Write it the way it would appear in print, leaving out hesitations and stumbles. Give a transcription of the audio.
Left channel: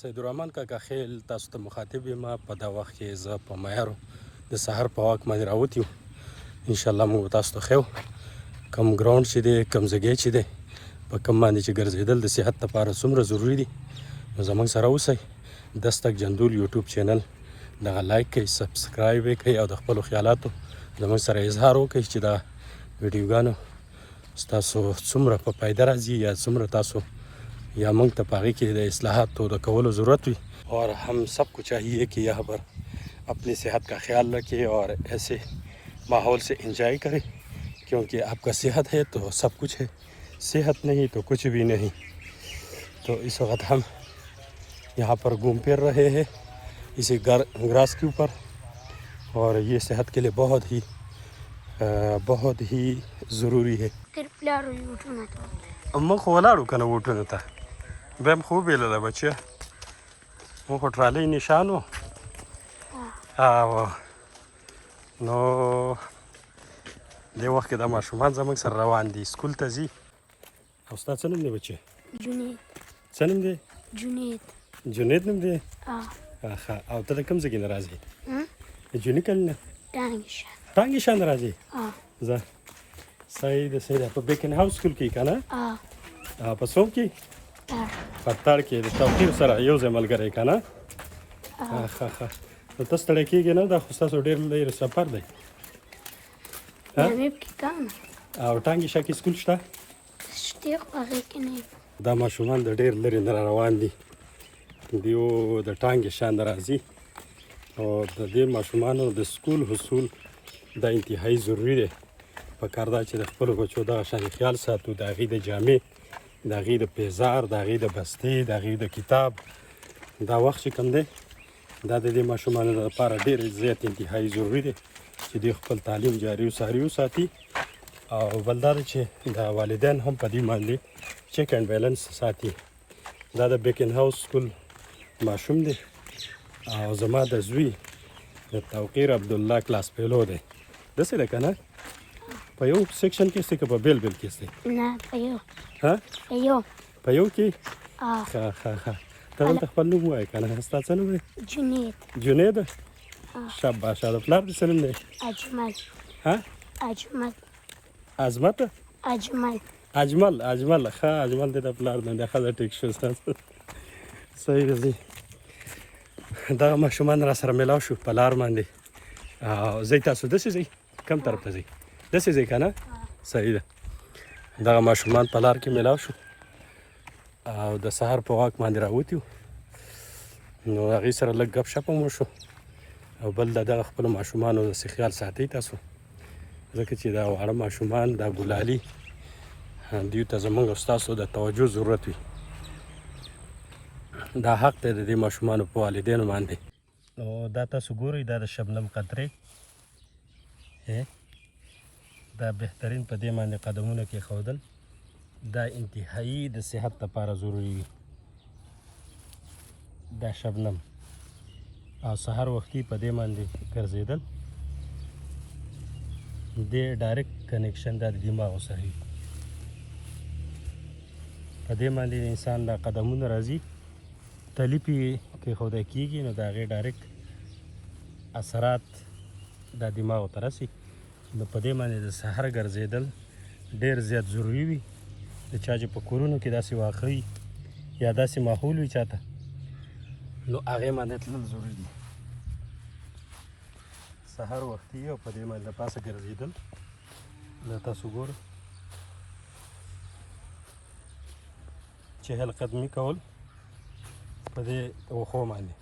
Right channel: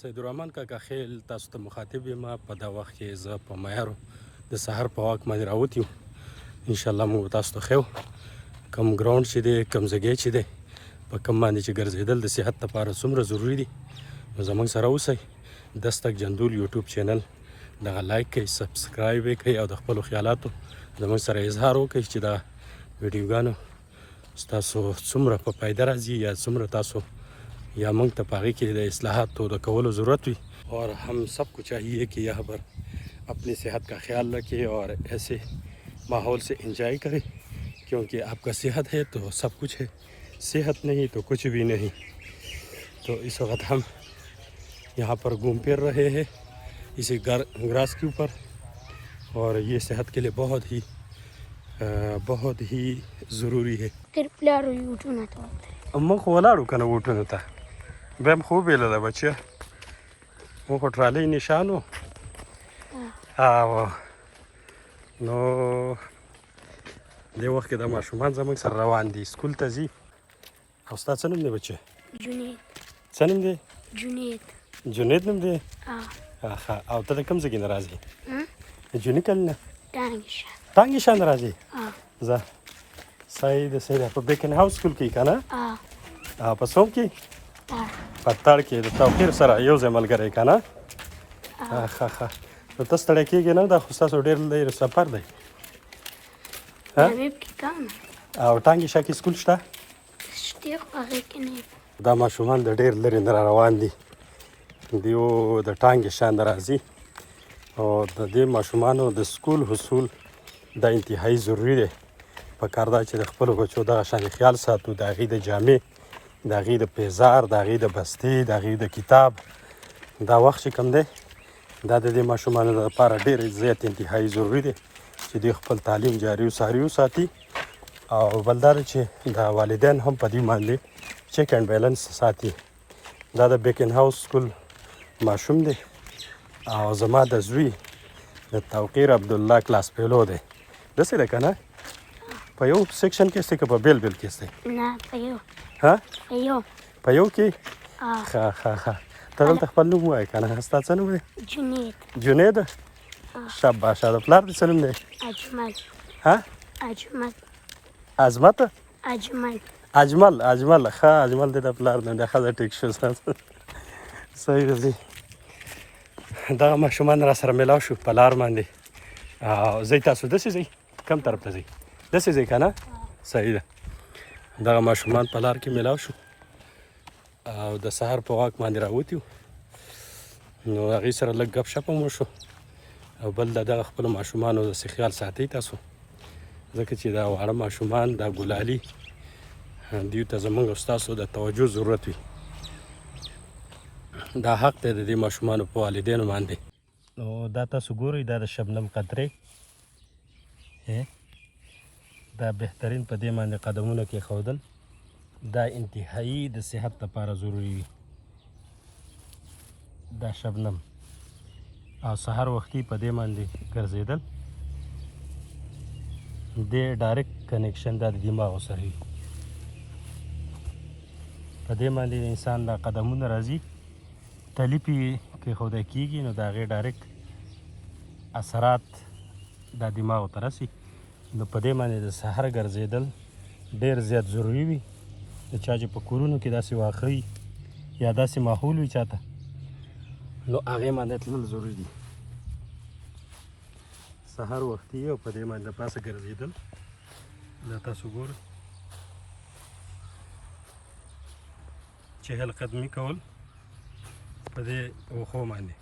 سیدالرحمن کاکا خیل تاسو ته مخاطب یم. په دا وخت کې زه په معیارو د سهار په وخت باندې راوتی یم. انشاءالله موږ تاسو ته ښیو کوم ګراوند چې دی، کوم ځای چې دی، په کوم باندې چې ګرځېدل د صحت لپاره څومره ضروري دي. نو زموږ سره اوسئ. دستک جندول یوټیوب چینل دغه لایک کړئ، سبسکرایب یې کړئ او د خپلو خیالاتو زموږ سره اظهار وکړئ چې دا ویډیوګانو ستاسو څومره په فایده راځي یا څومره تاسو یا موږ ته په هغې کې د اصلاحاتو د کولو ضرورت وي. اور ہم سب کو چاہیے کہ یہاں پر اپنی صحت کا خیال رکھیں اور ایسے ماحول سے انجوائے کریں، کیونکہ آپ کا صحت ہے تو سب کچھ ہے، صحت نہیں تو کچھ بھی نہیں. تو اس وقت ہم یہاں پر گھوم پھر رہے ہیں اسی گراس کے اوپر، اور یہ صحت کے لیے بہت ہی ضروری ہے. موږ خو ولاړو که نه ووټونو ته، بیا هم خو وبېلله بچیه، موږ خو ټرالۍ نشان وو. نو دې وخت کې دا ماشومان زموږ سره روان دي، سکول ته ځي. او ستا څه نوم دی بچیه؟ جنید. څه نوم دی؟ جنید. جنید نوم دی؟ ښه. او ته د کوم ځای کې نه راځې؟ د جوني کلي نه؟ ټانګشان. ټانګشان نه راځې؟ ځه صحیح ده، صحیح ده. په بیکن هاوس سکول کې که نه؟ په څوم کې؟ په تړ کې د توقیر سره یو ځای ملګری که نه؟ ښه. نو ته ستړی کېږې نه؟ دا خو ستاسو ډېر لرې سفر دی. او ټانګشان کې سکول شته؟ دا ماشومان د ډېر لرې نه روان دي، دیو د ټانګشان نه راځي. او د دې ماشومانو د سکول حصول دا انتهایي ضروري دی. پکار دا چې د خپلو بچو دغه شانې خیال ساتو، د هغې د جامې، د هغې د پیزار، د هغې د بستې، د هغې د کتاب. دا وخت چې کوم دی دا د دې ماشومانو لپاره ډېر زیات انتهایي ضروري دی چې دوی خپل تعلیم جاري وساري وساتي. او بل دا دی چې د والدین هم په دې باندې چیک اینډ بیلنس ساتي. دا د بیکن هاوس سکول ماشوم دی او زما د زوی د توقیر عبدالله کلاس فیلو دی. داسې ده که نه؟ په یو سیکشن کې ستی که په بیل بیل کې ستی؟ نه، په یو. په یو کې؟ ښه. ته دلته خپل نوم ووایه که نه؟ ستا څه نوم دی؟ جنید. جنید؟ شاباشه. د پلار دې څه نوم دی؟ اجمل. اجمل. عظمت؟ اجمل. ښه، اجمل دی د پلار نوم دی. ښه، ټیک شو. صحیح ده. ځي دغه ماشومان را سره میلاو شو په لار باندې. او ځئ تاسو داسې ځئ؟ کوم طرف ته ځئ؟ داسې ځئ که نه؟ صحیح ده. دغه ماشومان په لار کې میلاو شو او د سهار په واک باندې راوتي وو. نو هغې سره لږ ګپ شپ هم وشو. او بل دغه خپلو ماشومانو داسې خیال ساتئ تاسو، ځکه چې دا واړه ماشومان، دا ګلالي، دوی ته زموږ او ستاسو د توجه ضرورت وي. دا حق دی د دې ماشومانو په والدینو باندې. نو دا تاسو ګورئ، دا د شبنم قطرې، دا بهترین په دې باندې قدمونه کېښودل، دا انتهایي د صحت لپاره ضروري وي. دا شبنم او سهار وختي په دې باندې ګرځېدل، دې ډایرکټ کنیکشن دا د دماغو سره وي. په دې باندې د انسان دا قدمونه راځي، تلیپ یې کېښودی کېږي، نو د هغې ډایرکټ اثرات دا دماغو ته رسي. نو په دې باندې د سهار ګرځېدل ډېر زیات ضروري وي. د چا چې په کورونو کې داسې واښه وي یا داسې ماحول وي چاته، نو هغې باندې تلل ضروري دي. سهار وختي او په دې باندې د پاسه ګرځېدل، دا تاسو ګوره 40 قدمي کول په دې وښو باندې.